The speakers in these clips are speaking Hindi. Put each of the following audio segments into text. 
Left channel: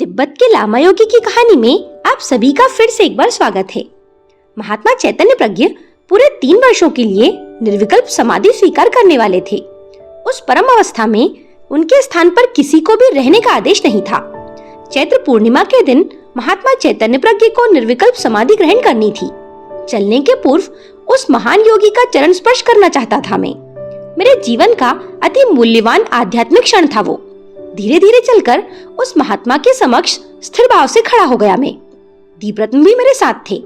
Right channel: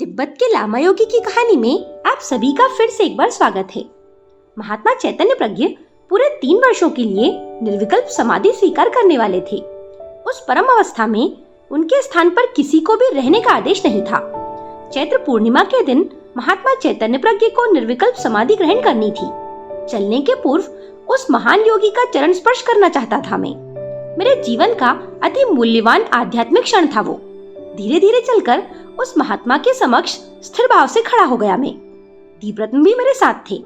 तिब्बत के लामा योगी की कहानी में आप सभी का फिर से एक बार स्वागत है। महात्मा चैतन्य प्रज्ञ पूरे 3 वर्षों के लिए निर्विकल्प समाधि स्वीकार करने वाले थे। उस परम अवस्था में उनके स्थान पर किसी को भी रहने का आदेश नहीं था। चैत्र पूर्णिमा के दिन महात्मा चैतन्य प्रज्ञ को निर्विकल्प समाधि ग्रहण करनी थी। चलने के पूर्व उस महान योगी का चरण स्पर्श करना चाहता था मैं। मेरे जीवन का अति मूल्यवान आध्यात्मिक क्षण था वो। धीरे धीरे चलकर उस महात्मा के समक्ष स्थिर भाव से खड़ा हो गया मैं। दीपरत्न भी मेरे साथ थे।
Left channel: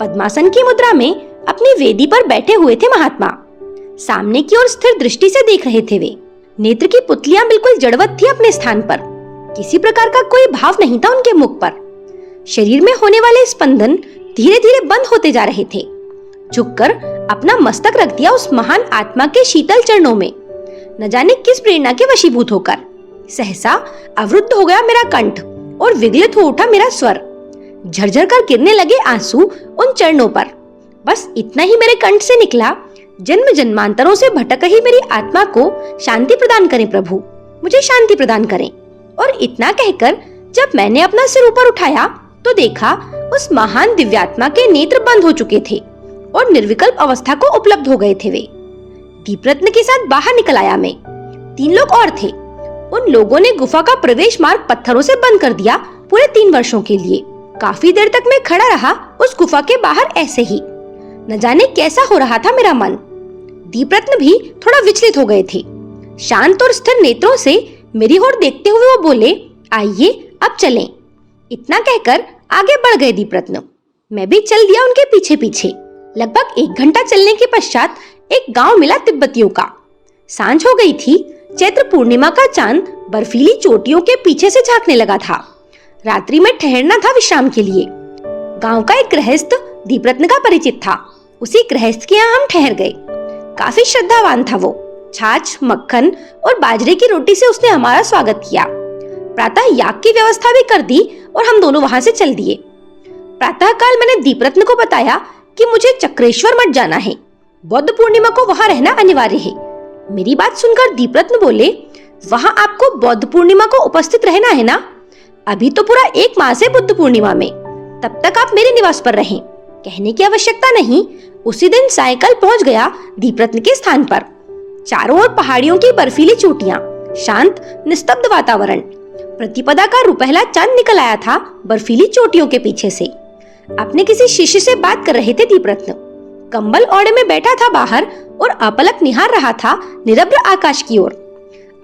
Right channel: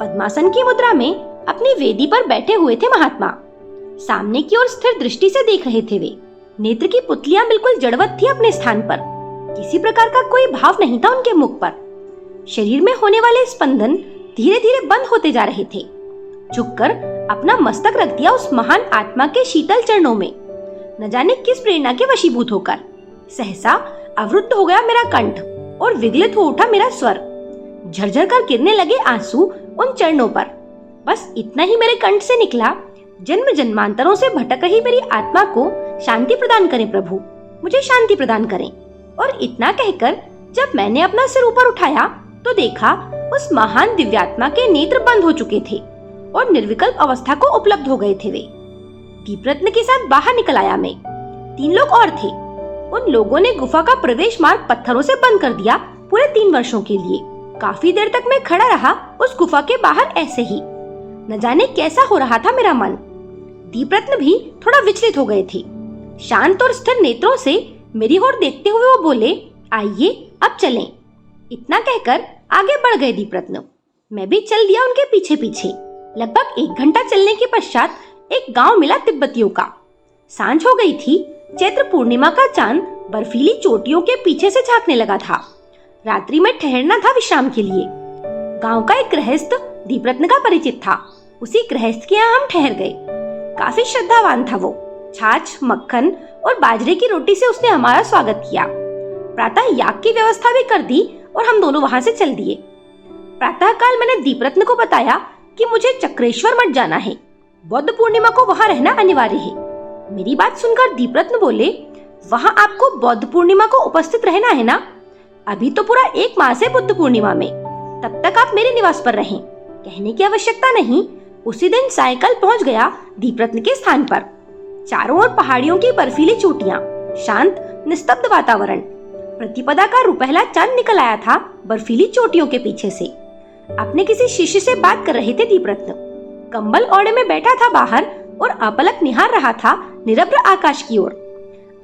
पद्मासन की मुद्रा में अपनी वेदी पर बैठे हुए थे महात्मा। सामने की ओर स्थिर दृष्टि से देख रहे थे वे। नेत्र की पुतलियां बिल्कुल जड़वत थी अपने स्थान पर। किसी प्रकार का कोई भाव नहीं था उनके मुख पर। शरीर में होने वाले स्पंदन धीरे धीरे बंद होते जा रहे थे। झुककर अपना मस्तक रख दिया उस महान आत्मा के शीतल चरणों में। न जाने किस प्रेरणा के वशीभूत होकर सहसा अवरुद्ध हो गया मेरा कंठ और विगलित हो उठा मेरा स्वर। झरझर कर गिरने लगे आंसू उन चरणों पर। बस इतना ही मेरे कंठ से निकला, जन्म जन्मांतरों से भटक रही मेरी आत्मा को शांति प्रदान करें प्रभु, मुझे शांति प्रदान करें। और इतना कहकर जब मैंने अपना सिर ऊपर उठाया तो देखा उस महान दिव्यात्मा के नेत्र बंद हो चुके थे और निर्विकल्प अवस्था को उपलब्ध हो गए थे वे। दीपरत्न के साथ बाहर निकल आया मैं। 3 लोग और थे। उन लोगों ने गुफा का प्रवेश मार्ग पत्थरों से बंद कर दिया पूरे 3 वर्षों के लिए। काफी देर तक मैं खड़ा रहा उस गुफा के बाहर ऐसे ही। न जाने कैसा हो रहा था मेरा मन। दीपरत्न भी थोड़ा विचलित हो गए थे। शांत और स्थिर नेत्रों से मेरी ओर देखते हुए वो बोले, आइए अब चलें। इतना कहकर आगे बढ़ गए दीपरत्न। मैं भी चल दिया उनके पीछे पीछे। लगभग 1 घंटा चलने के पश्चात एक गांव मिला तिब्बतियों का। सांझ हो गई थी। चैत्र पूर्णिमा का चांद बर्फीली चोटियों के पीछे से झांकने लगा था। रात्रि में ठहरना था विश्राम के लिए। गांव का एक गृहस्थ दीपरत्न का परिचित था। उसी गृहस्थ के यहाँ हम ठहर गए। काफी श्रद्धावान था वो। छाछ, मक्खन और बाजरे की रोटी से उसने हमारा स्वागत किया। प्रातः याग की व्यवस्था भी कर दी और हम दोनों वहां से चल दिए। प्रातः काल मैंने दीपरत्न को बताया कि मुझे चक्रेश्वर मठ जाना है। बौद्ध पूर्णिमा को वहां रहना अनिवार्य है। मेरी बात सुनकर दीपरत्न बोले, वहां आपको बौद्ध पूर्णिमा को उपस्थित रहना है ना? अभी तो पूरा 1 मास है बुद्ध पूर्णिमा में। तब तक आप मेरे निवास पर रहें। कहने की आवश्यकता नहीं। उसी दिन सायंकाल पहुंच गया दीपरत्न के स्थान पर। चारों ओर पहाड़ियों की बर्फीली चोटियां, शांत निस्तब्ध वातावरण। प्रतिपदा का रुपहला चांद निकल आया था बर्फीली चोटियों के पीछे से। अपने किसी शिष्य से बात कर रहे थे दीपरत्न। कंबल ओढ़े में बैठा था बाहर और अपलक निहार रहा था निरभ्र आकाश की ओर।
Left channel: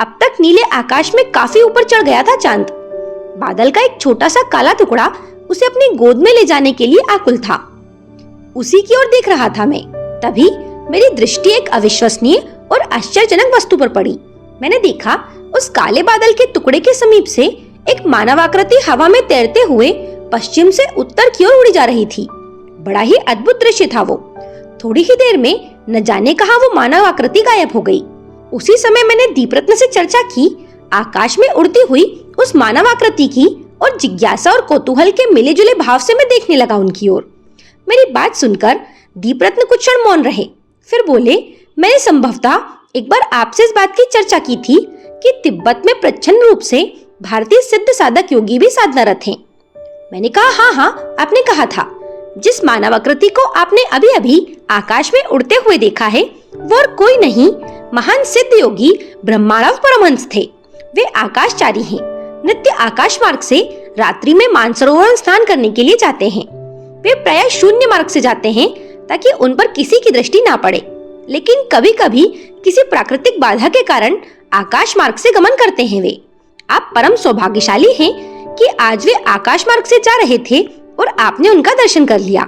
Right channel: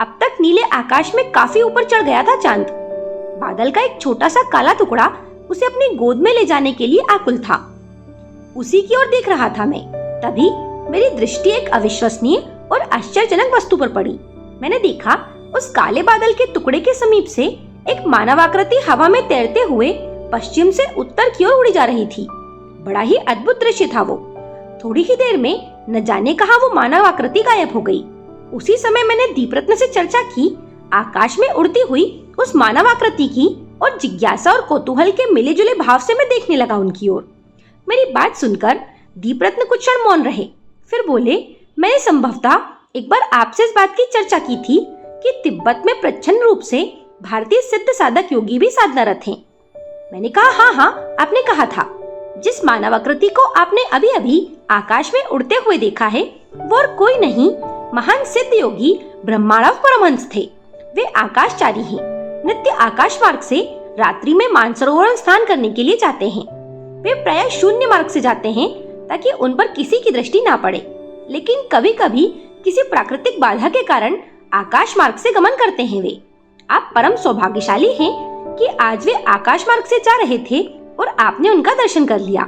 अब तक नीले आकाश में काफी ऊपर चढ़ गया था चांद। बादल का एक छोटा सा काला टुकड़ा उसे अपनी गोद में ले जाने के लिए आकुल था। उसी की ओर देख रहा था मैं। तभी मेरी दृष्टि एक अविश्वसनीय और आश्चर्यजनक वस्तु पर पड़ी। मैंने देखा उस काले बादल के टुकड़े के समीप से एक मानवाकृति हवा में तैरते हुए पश्चिम से उत्तर की ओर उड़ी जा रही थी। बड़ा ही अद्भुत दृश्य था वो। थोड़ी ही देर में न जाने कहां वो मानव आकृति गायब हो गई। उसी समय मैंने दीपरत्न से चर्चा की आकाश में उड़ती हुई उस मानव आकृति की और जिज्ञासा और कौतूहल के मिले जुले भाव से मैं देखने लगा उनकी ओर। मेरी बात सुनकर दीपरत्न कुछ क्षण मौन रहे। फिर बोले, मैंने संभवतः एक बार आपसे इस बात की चर्चा की थी कि तिब्बत में प्रच्छन्न रूप से भारतीय सिद्ध साधक योगी भी साधनारत हैं। मैंने कहा, हाँ, आपने कहा था। जिस मानवाकृति को आपने अभी अभी आकाश में उड़ते हुए देखा है वो और कोई नहीं, महान सिद्ध योगी ब्रह्मानंद परमहंस थे। वे आकाशचारी हैं। नित्य आकाश मार्ग से रात्रि में मानसरोवर स्नान करने के लिए जाते हैं। वे प्रायः शून्य मार्ग से जाते हैं ताकि उन पर किसी की दृष्टि ना पड़े, लेकिन कभी कभी किसी प्राकृतिक बाधा के कारण आकाश मार्ग से गमन करते हैं वे। आप परम सौभाग्यशाली हैं कि आज वे आकाश मार्ग से जा रहे थे और आपने उनका दर्शन कर लिया।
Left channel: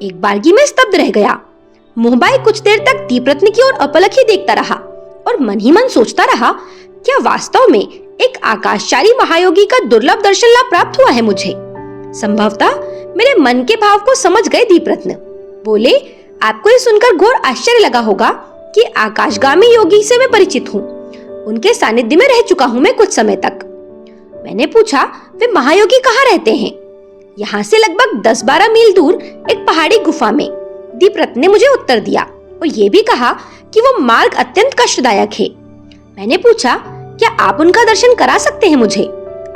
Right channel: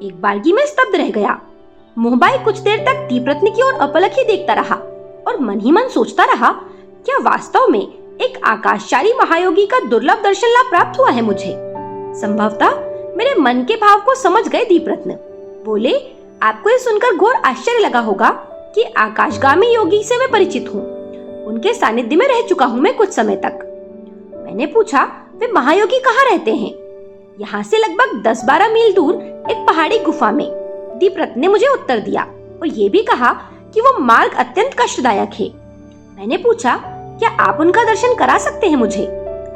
एक बारगी में स्तब्ध रह गया। मोहबाई कुछ देर तक दीपरत्न की ओर अपलक ही देखता रहा और मन ही मन सोचता रहा, क्या वास्तव में एक आकाशचारी महायोगी का दुर्लभ दर्शन लाभ प्राप्त हुआ है मुझे? संभवतः मेरे मन के भाव को समझ गए दीपरत्न। बोले, आपको ये सुनकर घोर आश्चर्य लगा होगा कि आकाशगामी योगी से मैं परिचित हूँ। उनके सानिध्य में रह चुका हूँ मैं कुछ समय तक। मैंने पूछा, वे महायोगी कहाँ रहते हैं? यहाँ से लगभग 10-12 मील दूर एक पहाड़ी गुफा में। दीपरत्न ने मुझे उत्तर दिया और ये भी कहा कि वो मार्ग अत्यंत कष्टदायक है। मैंने पूछा, क्या आप उनका दर्शन करा सकते हैं मुझे?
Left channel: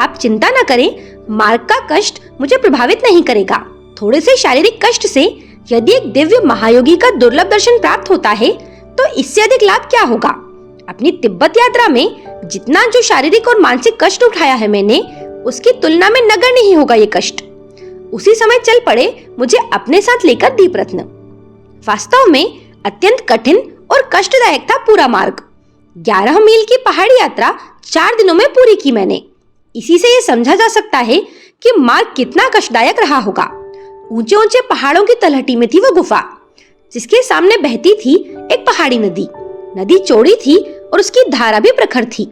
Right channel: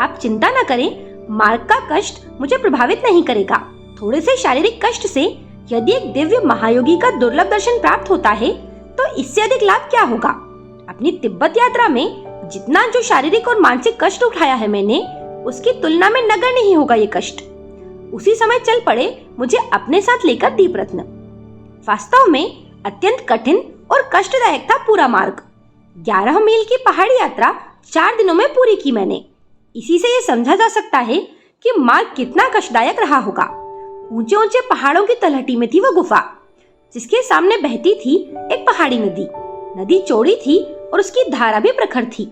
आप चिंता न करें, मार्ग का कष्ट मुझे प्रभावित नहीं करेगा। थोड़े से शारीरिक कष्ट से यदि एक दिव्य महायोगी का दुर्लभ दर्शन प्राप्त होता है तो इससे अधिक लाभ क्या होगा। अपनी तिब्बत यात्रा में जितना जो शारीरिक और मानसिक कष्ट उठाया है मैंने, उसकी तुलना में नगण्य नहीं होगा ये कष्ट। उसी समय चल पड़े मुझे अपने साथ लेकर दीपरत्न। वास्तव में अत्यंत कठिन और कष्टदायक था पूरा मार्ग। 11 मील की पहाड़ी यात्रा 4 दिनों में पूरी की मैंने। इसी से ये समझा जा सकता है कि मार्ग कितना कष्टदायक रहा होगा। ऊंचे ऊंचे पहाड़ों की तलहटी में थी वो गुफा, जिसके सामने बहती थी एक पहाड़ी नदी। नदी चौड़ी थी और उसकी धारा भी प्रखर थी।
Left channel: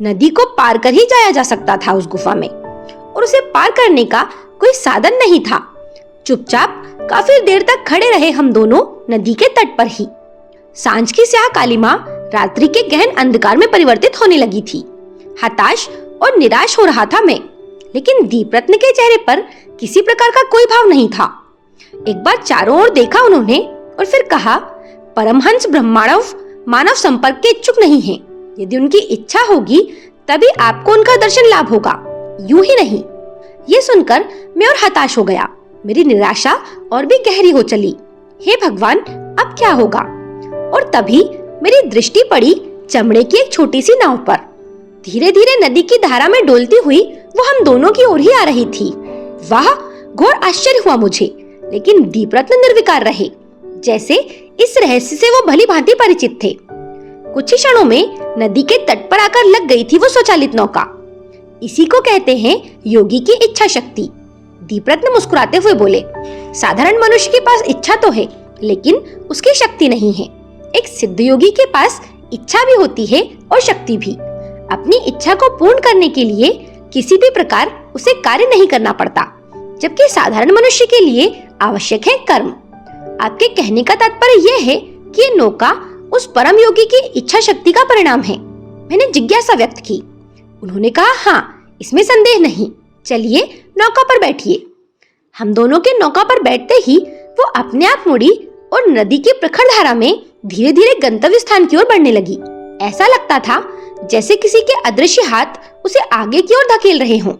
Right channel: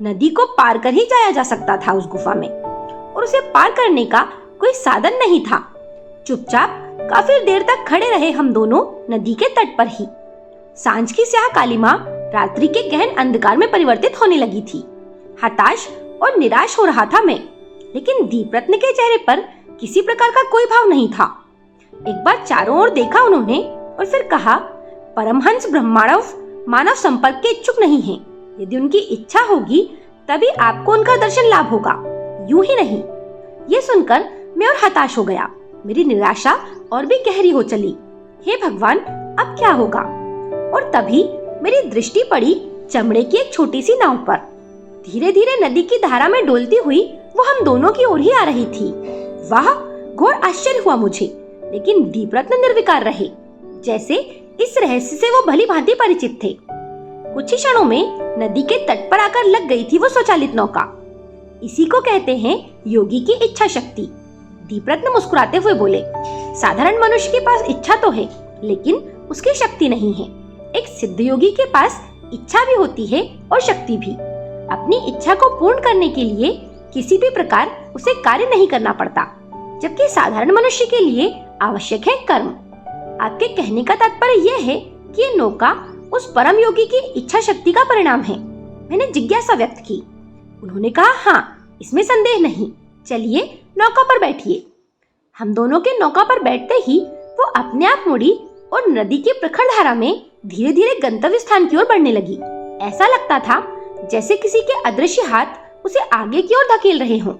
नदी को पार कर ही जाया जा सकता था उस गुफा में, और उसे पार करने का कोई साधन नहीं था। चुपचाप काफी देर तक खड़े रहे हम दोनों नदी के तट पर ही। सांझ की स्याह कालिमा रात्रि के गहन अंधकार में परिवर्तित होने लगी थी। हताश और निराश हो रहा था मैं, लेकिन दीपरत्न के चेहरे पर किसी प्रकार का कोई भाव नहीं था। एक बार चारों ओर देखा उन्होंने और फिर कहा, परमहंस ब्रह्मांडव मानव संपर्क के इच्छुक नहीं हैं। यदि उनकी इच्छा होगी तभी आपको उनका दर्शन लाभ होगा, यूं ही नहीं। ये सुनकर मैं और हताश हो गया। मेरी निराशा और भी गहरी हो चली। हे भगवान, अब क्या होगा। और तभी मेरी दृष्टि पड़ी चमड़े की एक छोटी सी नाव पर। धीरे धीरे नदी की धारा में डोलती हुई वो हम दोनों की ओर ही आ रही थी। वाह, घोर आश्चर्य हुआ मुझे, लेकिन दीपरत्न निर्विकार रहे, जैसे इस रहस्य से वो भली भांति परिचित थे। कुछ ही क्षणों में नदी के तट पर आकर लग गई थी वो स्वचालित नौका। इसी को कहते हैं योगी की इच्छा शक्ति। दीपरत्न मुस्कुराते हुए बोले, साधारण मनुष्य के पास इच्छा तो है, लेकिन उसकी शक्ति नहीं है। एक सिद्ध योगी के पास इच्छा भी होती है और शक्ति भी। अपनी इच्छा को पूर्ण करने के लिए किसी भी प्रकार उसे कार्य नहीं करना पड़ता, जबकि साधारण मनुष्य के लिए आवश्यक है कर्म। आपके कहने का तात्पर्य यह है कि ये नौका उस परम योगी की इच्छा शक्ति का परिणाम है। मैंने जिज्ञासा व्यक्त की। उन्होंने कहा, हाँ, इसमें संदेह नहीं। चलिए नौका पर बैठिए। हम दोनों के नौका पर बैठते ही वो अपने आप मुड़ी और नदी की प्रखर धारा में धीरे धीरे गंतव्य स्थान की ओर बढ़ने लगी। ऐसा लगता था जैसे किसी के अदृश्य हाथ उसे आगे की ओर धकेल रहे हों।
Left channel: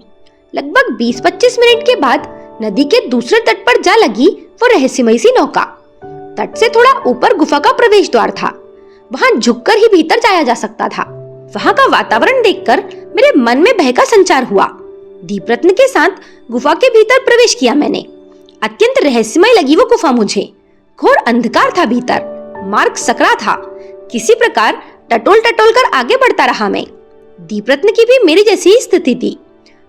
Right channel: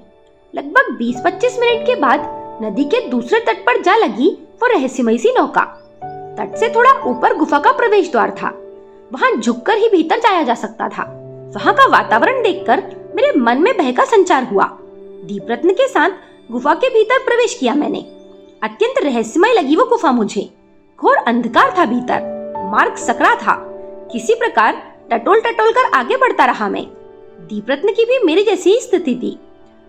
लगभग 20-25 मिनट के बाद नदी के दूसरे तट पर जा लगी वो रहस्यमयी सी नौका। तट से थोड़ा ऊपर गुफा का प्रवेश द्वार था। वहां झुककर ही भीतर जाया जा सकता था। वहां का वातावरण देखकर मेरे मन में भय का संचार हुआ। दीपरत्न के साथ गुफा के भीतर प्रवेश किया मैंने। अत्यंत रहस्यमय लगी वो गुफा मुझे। घोर अंधकार था भीतर, मार्ग सकरा था। किसी प्रकार टटोल टटोल कर आगे बढ़ता रहा मैं। दीपरत्न की भी मेरी जैसी ही स्थिति थी।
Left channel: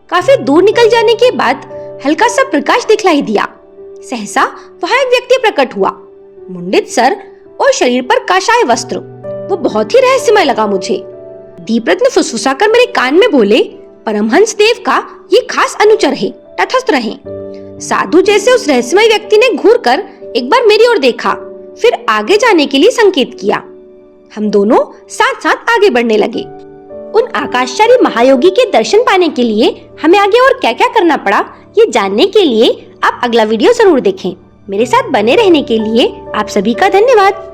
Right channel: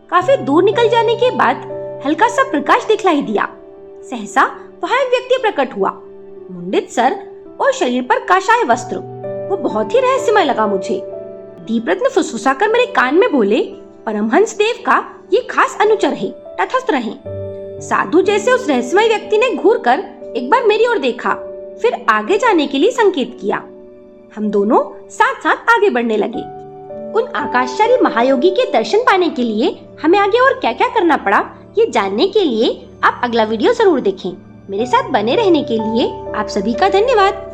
काफी दूर निकल जाने के बाद हल्का सा प्रकाश दिखलाई दिया। सहसा वहां एक व्यक्ति प्रकट हुआ, मुंडित सर और शरीर पर काशाय वस्त्र। वो बहुत ही रहस्यमय लगा मुझे। दीपरत्न फुसफुसाकर मेरे कान में बोले, परमहंस देव का ये खास अनुचर है, तटस्थ रहें। साधु जैसे उस रहस्यमय व्यक्ति ने घूरकर एक बार मेरी ओर देखा, फिर आगे जाने के लिए संकेत किया। हम दोनों साथ साथ आगे बढ़ने लगे। उन आकाशचारी महायोगी के दर्शन पाने के लिए हमें आगे और क्या क्या करना पड़ा, ये जानने के लिए आप अगला वीडियो जरूर देखें। मेरे साथ बने रहने के लिए आप सभी का धन्यवाद।